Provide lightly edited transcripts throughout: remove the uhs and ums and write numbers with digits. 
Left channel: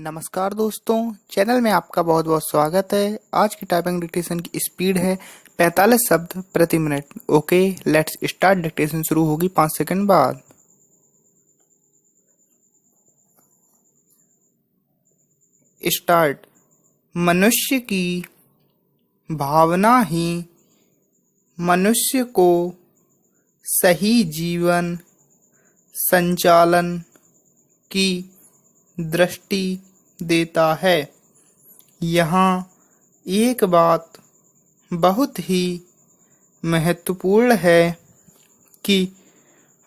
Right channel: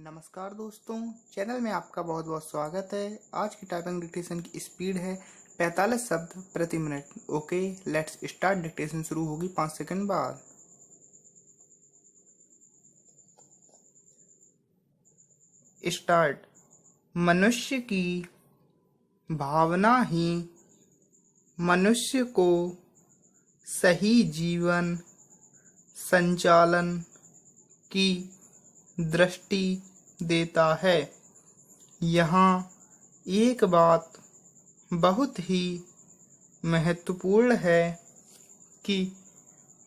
नमस्कार दोस्तों, चैनल में आपका बहुत बहुत स्वागत है। आज की टाइपिंग डिक्टेशन की स्पीड है 45 शब्द प्रति minute. Okay, let's start. Dictation शुरू होगी 5 सेकंड बाद। स्टार्ट। मनुष्य की भावना ही मनुष्य को सही जीवन संचालन की दृष्टि देता है। यहाँ एक बात बहुत ही महत्वपूर्ण है कि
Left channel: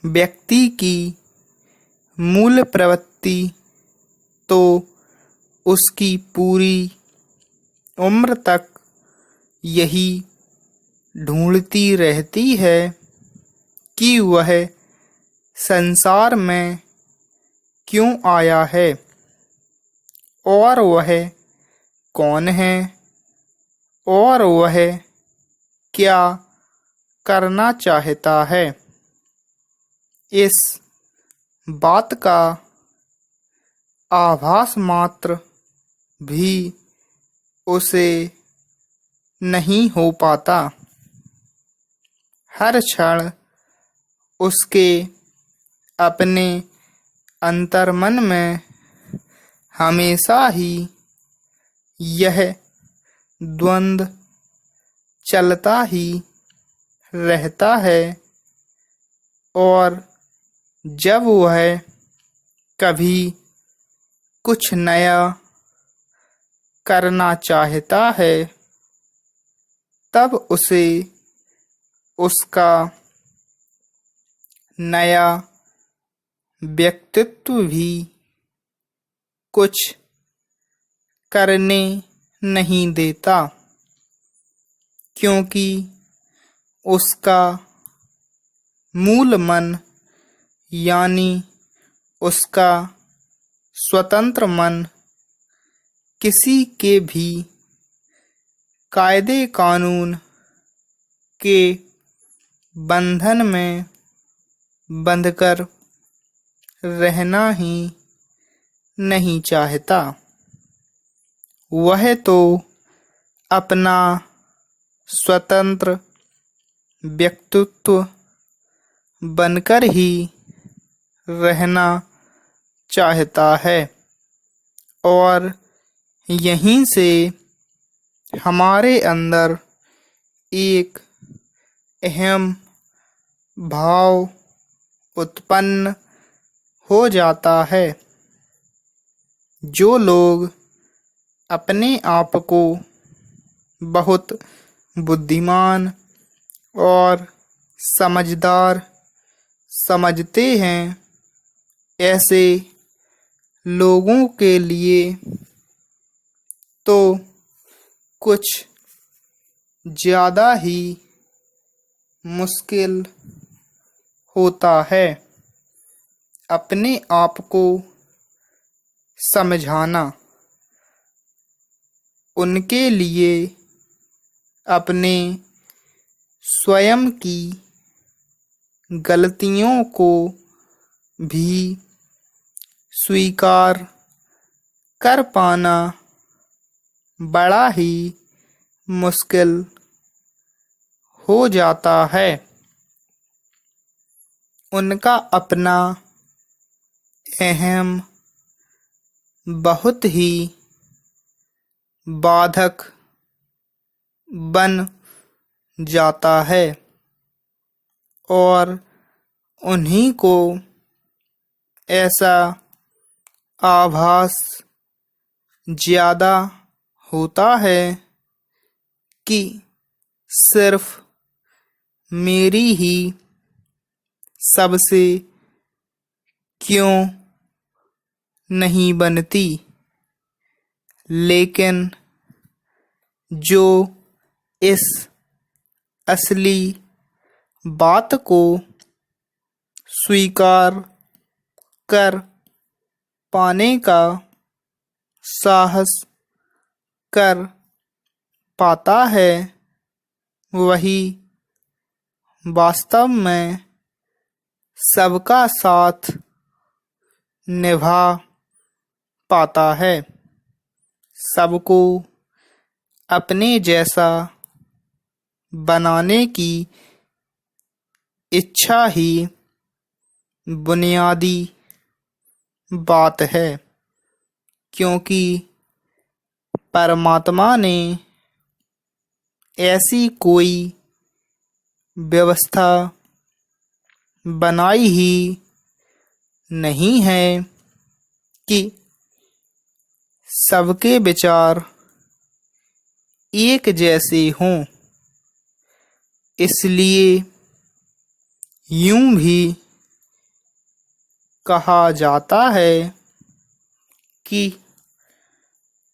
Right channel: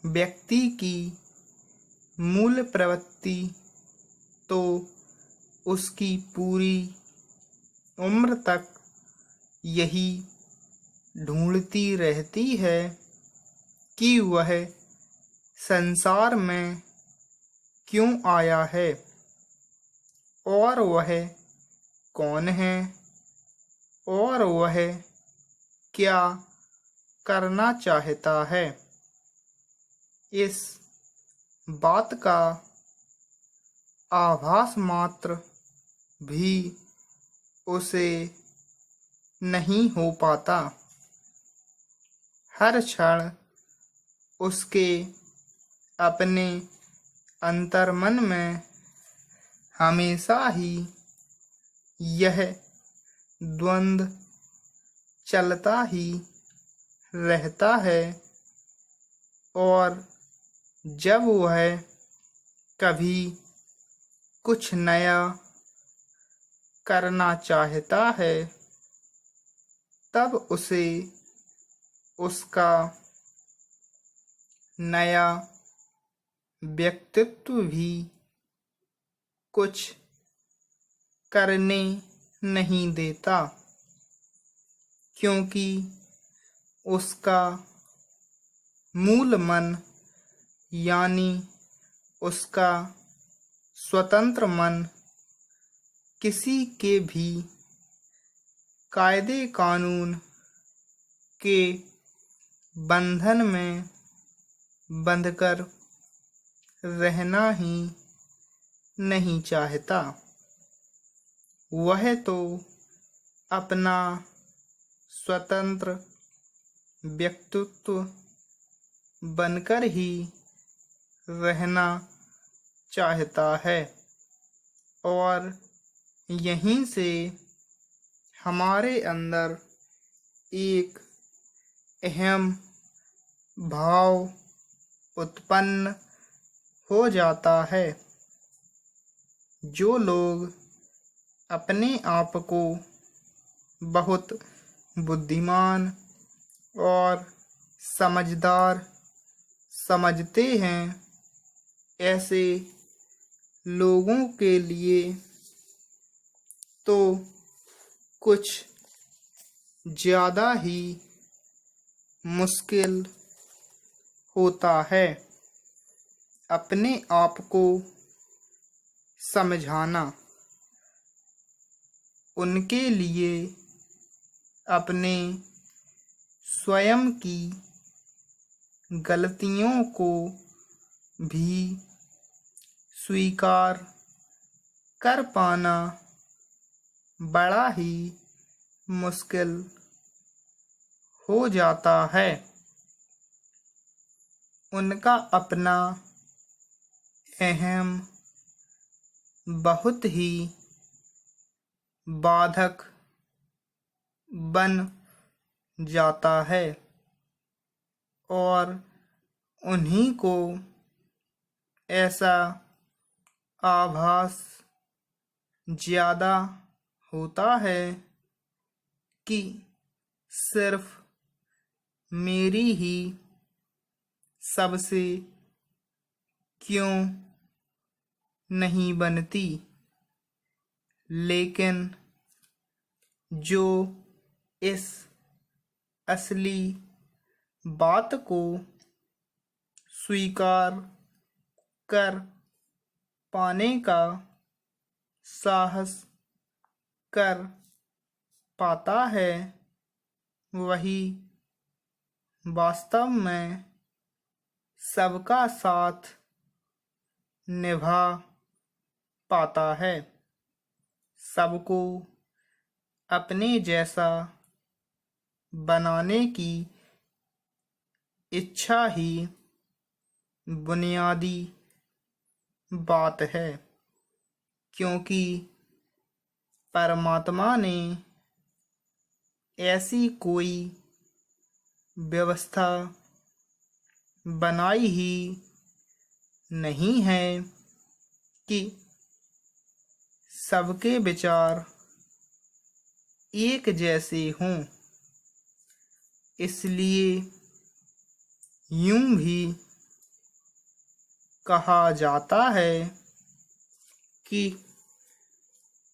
व्यक्ति की मूल प्रवृत्ति तो उसकी पूरी उम्र तक यही ढूंढती रहती है कि वह संसार में क्यों आया है और वह कौन है और वह क्या करना चाहता है। इस बात का आभास मात्र भी उसे नहीं हो पाता। हर क्षण उसके अपने अंतर्मन में हमेशा ही यह द्वंद्व चलता ही रहता है और जब वह कभी कुछ नया करना चाहता है तब उसे उसका नया व्यक्तित्व भी कुछ करने नहीं देता, क्योंकि उसका मूल मन यानी उसका स्वतंत्र मन किसी के भी कायदे कानून के बंधन में बंधकर रहना ही नहीं चाहता। वह तो अपना स्वतंत्र व्यक्तित्व बनकर ही रहना चाहता है और यहीं से हमारे अंदर एक अहम भाव उत्पन्न हो जाता है। जो लोग अपने आप को बहुत बुद्धिमान और समझदार समझते हैं, ऐसे लोगों के लिए तो कुछ ज़्यादा ही मुश्किल होता है अपने आप को समझाना। उनके लिए अपने स्वयं की गलतियों को भी स्वीकार कर पाना बड़ा ही मुश्किल हो जाता है। उनका अपना अहम बहुत ही बाधक बन जाता है और उन्हीं को ऐसा आभास ज़्यादा होता है कि सिर्फ मेरी ही सबसे क्यों नहीं बनती, लेकिन जो इस असली बात को स्वीकार कर पाने का साहस कर पाता है, वही वास्तव में सबका साथ निभा पाता है। सबको अपने जैसा बनाने की इच्छा ही बुनियादी बात है, क्योंकि परमात्मा ने ऐसी कोई व्यवस्था बनाई ही नहीं है कि सबके विचार एक जैसे हों। इसलिए यूं भी कहा जाता है कि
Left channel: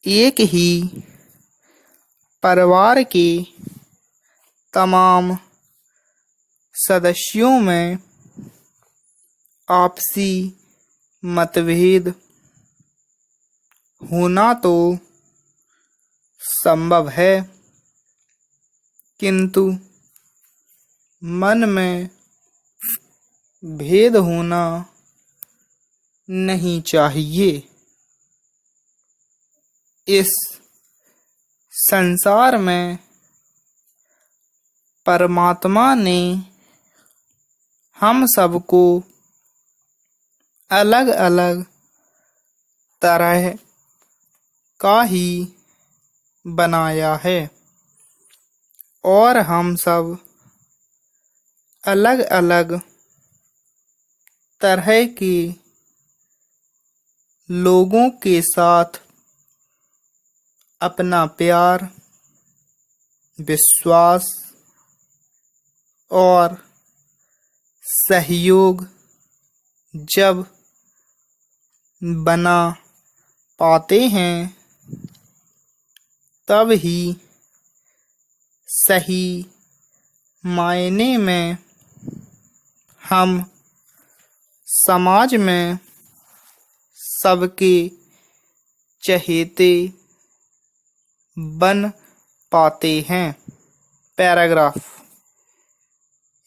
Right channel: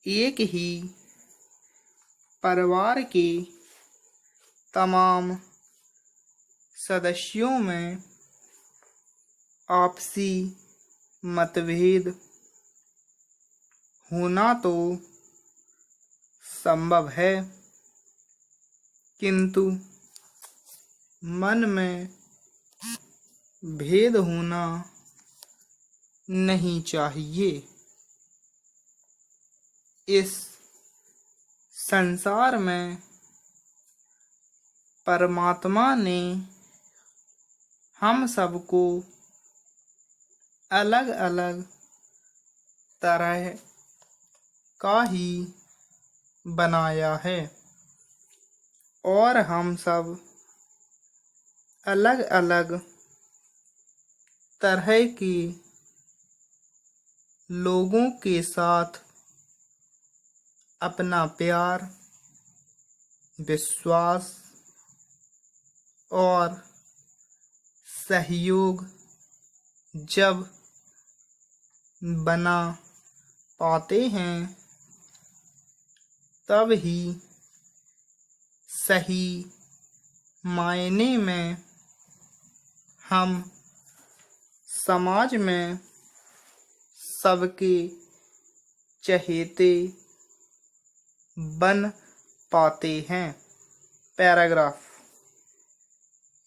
एक ही परिवार के तमाम सदस्यों में आपसी मतभेद होना तो संभव है, किंतु मन में भेद होना नहीं चाहिए। इस संसार में परमात्मा ने हम सबको अलग अलग तरह का ही बनाया है, और हम सब अलग अलग तरह के लोगों के साथ अपना प्यार, विश्वास और सहयोग जब बना पाते हैं, तब ही सही मायने में हम समाज में सबके चहेते बन पाते हैं। पैराग्राफ।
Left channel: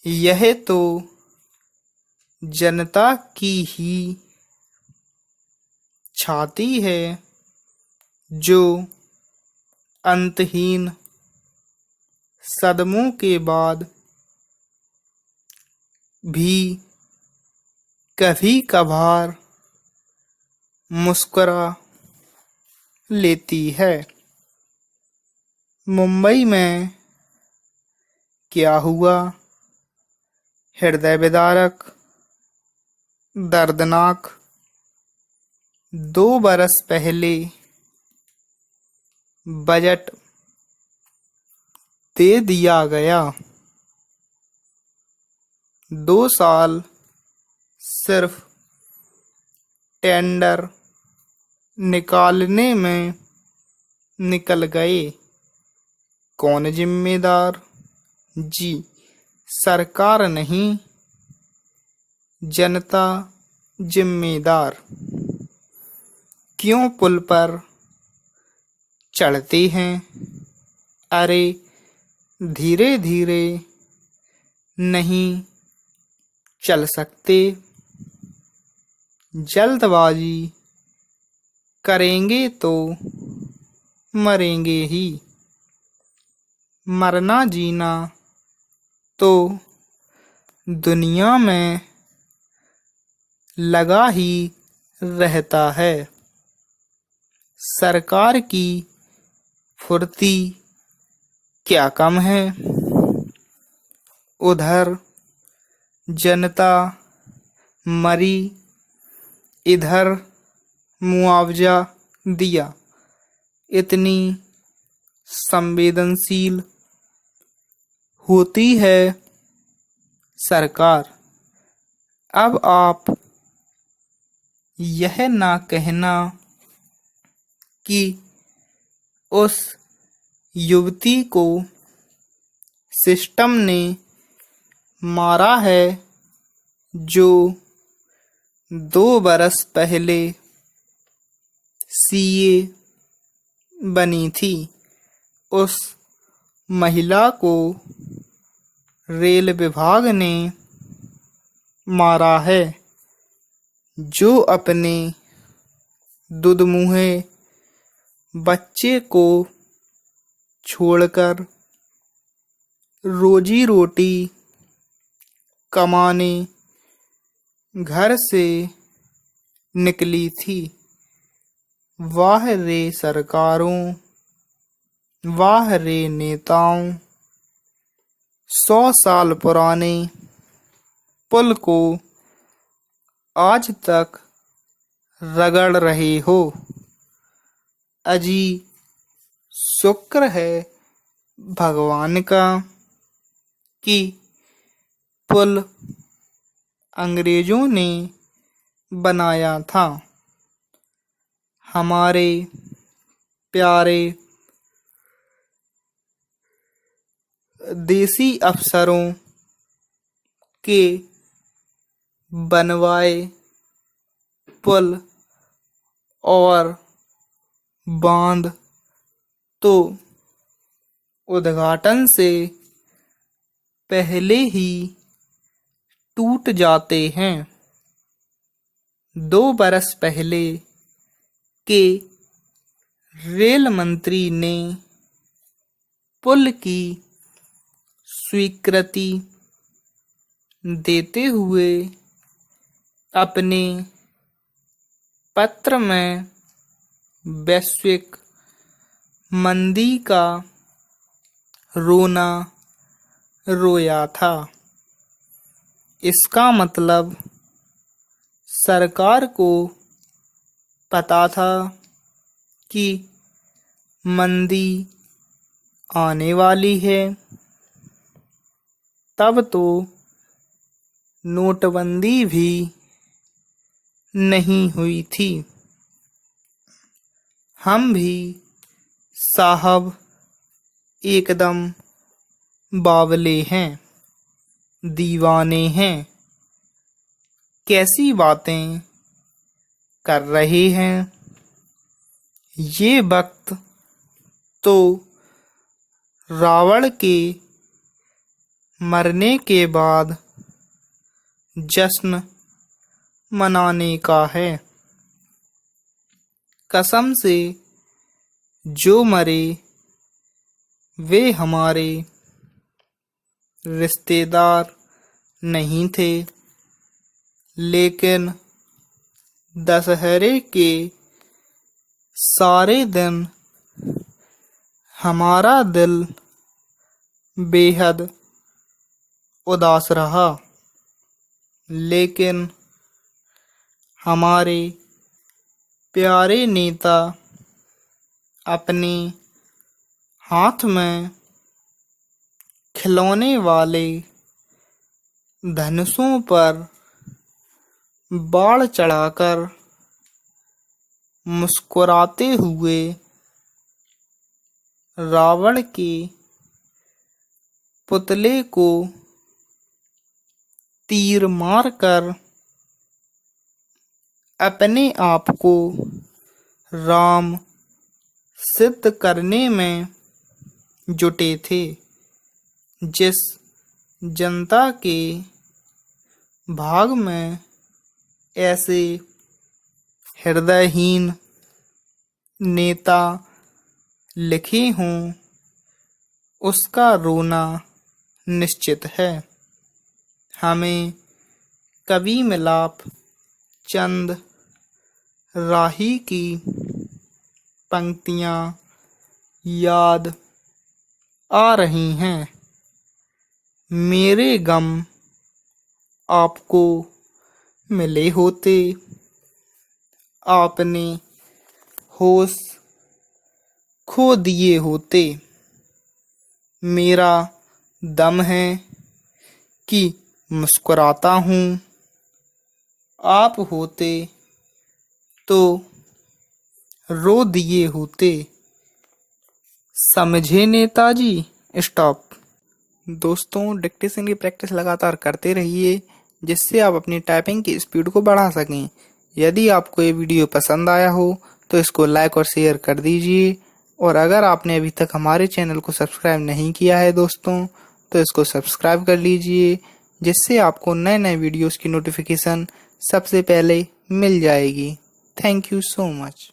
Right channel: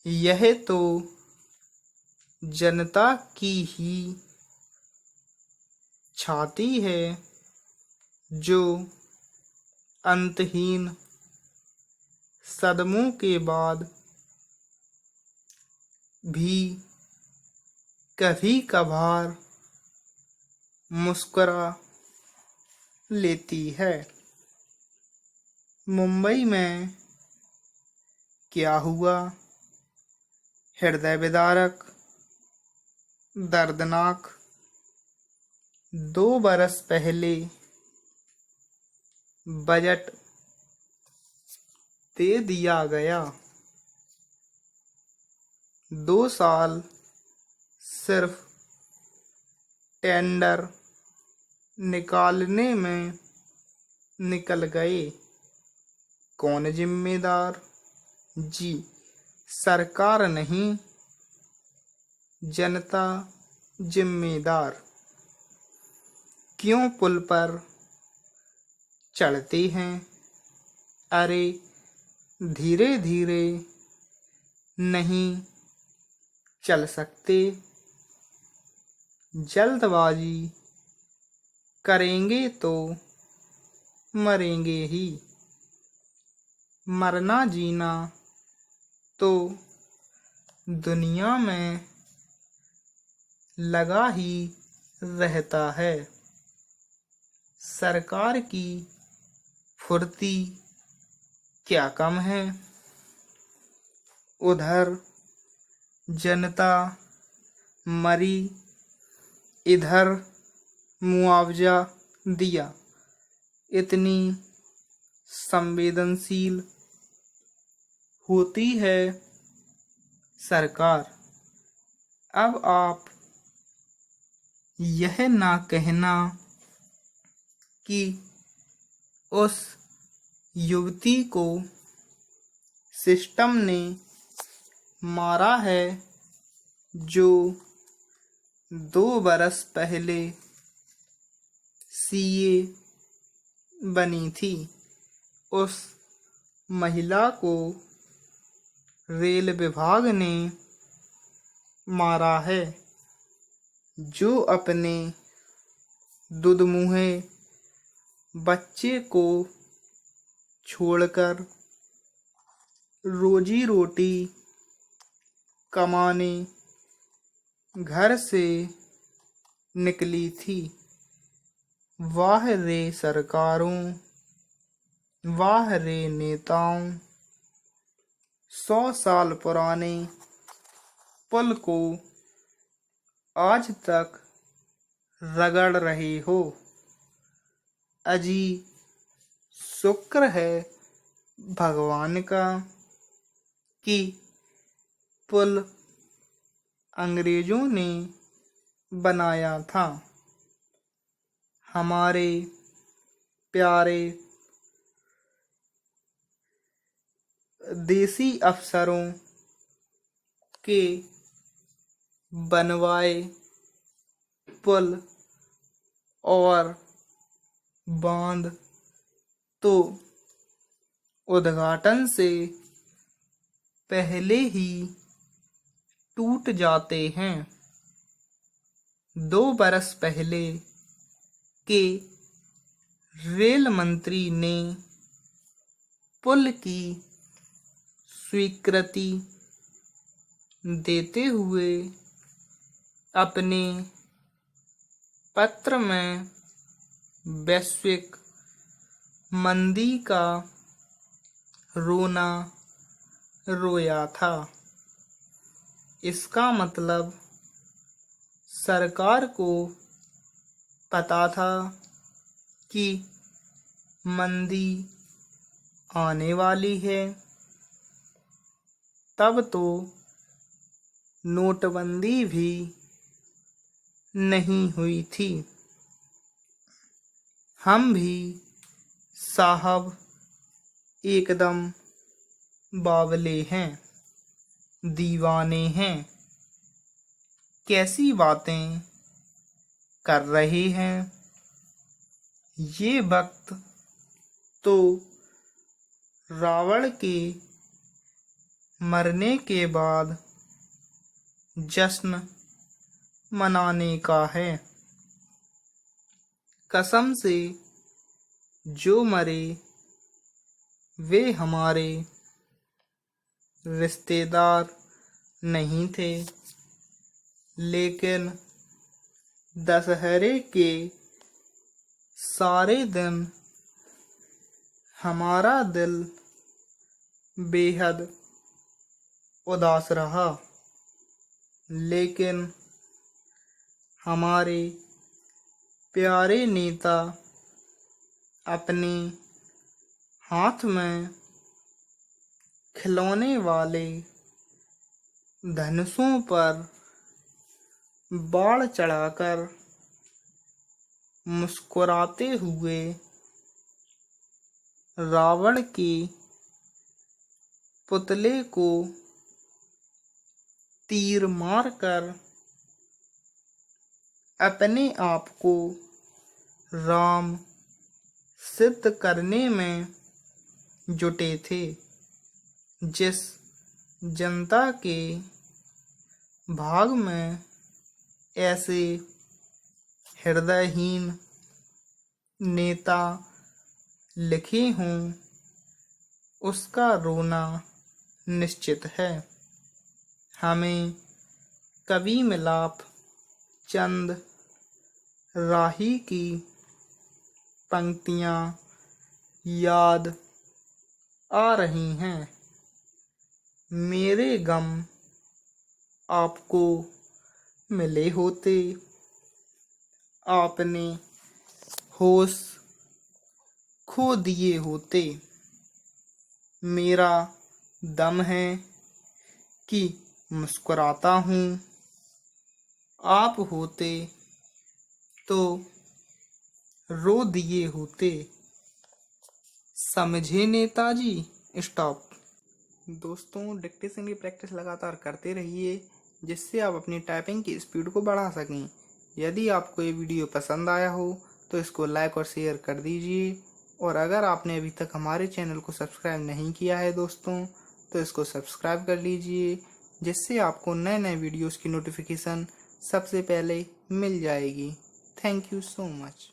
यह तो जनता की ही छाती है जो अंतहीन सदमों के बाद भी कभी कभार मुस्कुरा लेती है। मुंबई में क्या हुआ? हृदय विदारक, दर्दनाक। 2 बरस पहले बजट दे दिया गया। 2 साल सिर्फ टेंडर निकालने में निकल गए। कौन जिम्मेदार? जी, सरकार नहीं, जनता जिम्मेदार। क्यों पुल पर चढ़ते हैं? अरे धीरे धीरे नहीं चल सकते? जल्दबाजी करेंगे तो मरेंगे ही। मरना जीना तो दुनिया में लगा ही रहता है। सरकार की फुर्ती क्या कम है? उधर जनता मरी, इधर मुआवजा दिया। इतनी संवेदनशील होती है सरकार। अब आप यह ना कहना कि उस युवती को सिस्टम ने मारा है जो 2 बरस पहले सीए बनी थी। उस महिला को रेल विभाग ने मारा है जो अपने दुधमुहे बच्चे को छोड़कर रोजी रोटी कमाने घर से निकली थी। वाह रे सरकारों, वाह रे नेताओं, 100 साल पुराने पुल को आज तक रगड़ रहे हो। अजी शुक्र है भगवान का कि पुल अंग्रेजों ने बनाया था। हमारे प्यारे देसी अफसरों के बनवाए पुल और बांध तो उद्घाटन से पहले ही टूट जाते हैं। 2 बरस पहले के रेल मंत्री ने पुल की स्वीकृति देते हुए अपने पत्र में वैश्विक मंदी का रोना रोया था। इसका मतलब सरकार को पता था कि मंदी आने वाली है। तब तो नोटबंदी भी नहीं हुई थी। हम भी साहब एकदम बावले हैं, दीवाने हैं। कैसी बातें कर रहे हैं। ये वक्त तो रावण के मरने के बाद जश्न मनाने का है। कसम से जो मरे वे हमारे रिश्तेदार नहीं थे, लेकिन दशहरे के सारे दिन हमारा दिल बेहद उदास रहा। लेकिन हमारे प्यारे नेता अपने हाथ में खिलौने वाले धनुषों पर बाण चढ़ाकर मुस्कुराते हुए रावण के पुतले को तीर मारकर अपने आप को राम सिद्ध करने में जुटे थे। जिस जनता के भाग में ऐसे हृदयहीन नेता लिखे हों, उसका रोना निश्चित है। हमें कवि मिलाप चंद राही की पंक्तियाँ याद आ रही हैं। मेरे गम आपको मिले होते, आपने होश खो दिए होते। मेरा दम है कि मुस्कुराता हूँ, आप होते तो रो दिए होते। समझे नेताजी? स्टॉप। दोस्तों, डिक्टेशन की प्रैक्टिस लगातार करते रहिए, जिससे आप अपनी टाइपिंग की स्पीड को बढ़ा सकें। यदि आपको ये वीडियो पसंद आया हो तो इसको लाइक और शेयर कर दीजिए, और अगर आपने अभी तक हमारे चैनल को सब्सक्राइब नहीं किया है दोस्तों, तो इसको सब्सक्राइब कर लीजिए, जिससे आपको नए नए वीडियोस की नोटिफिकेशन सबसे पहले मिल जाएगी। Thank you so much.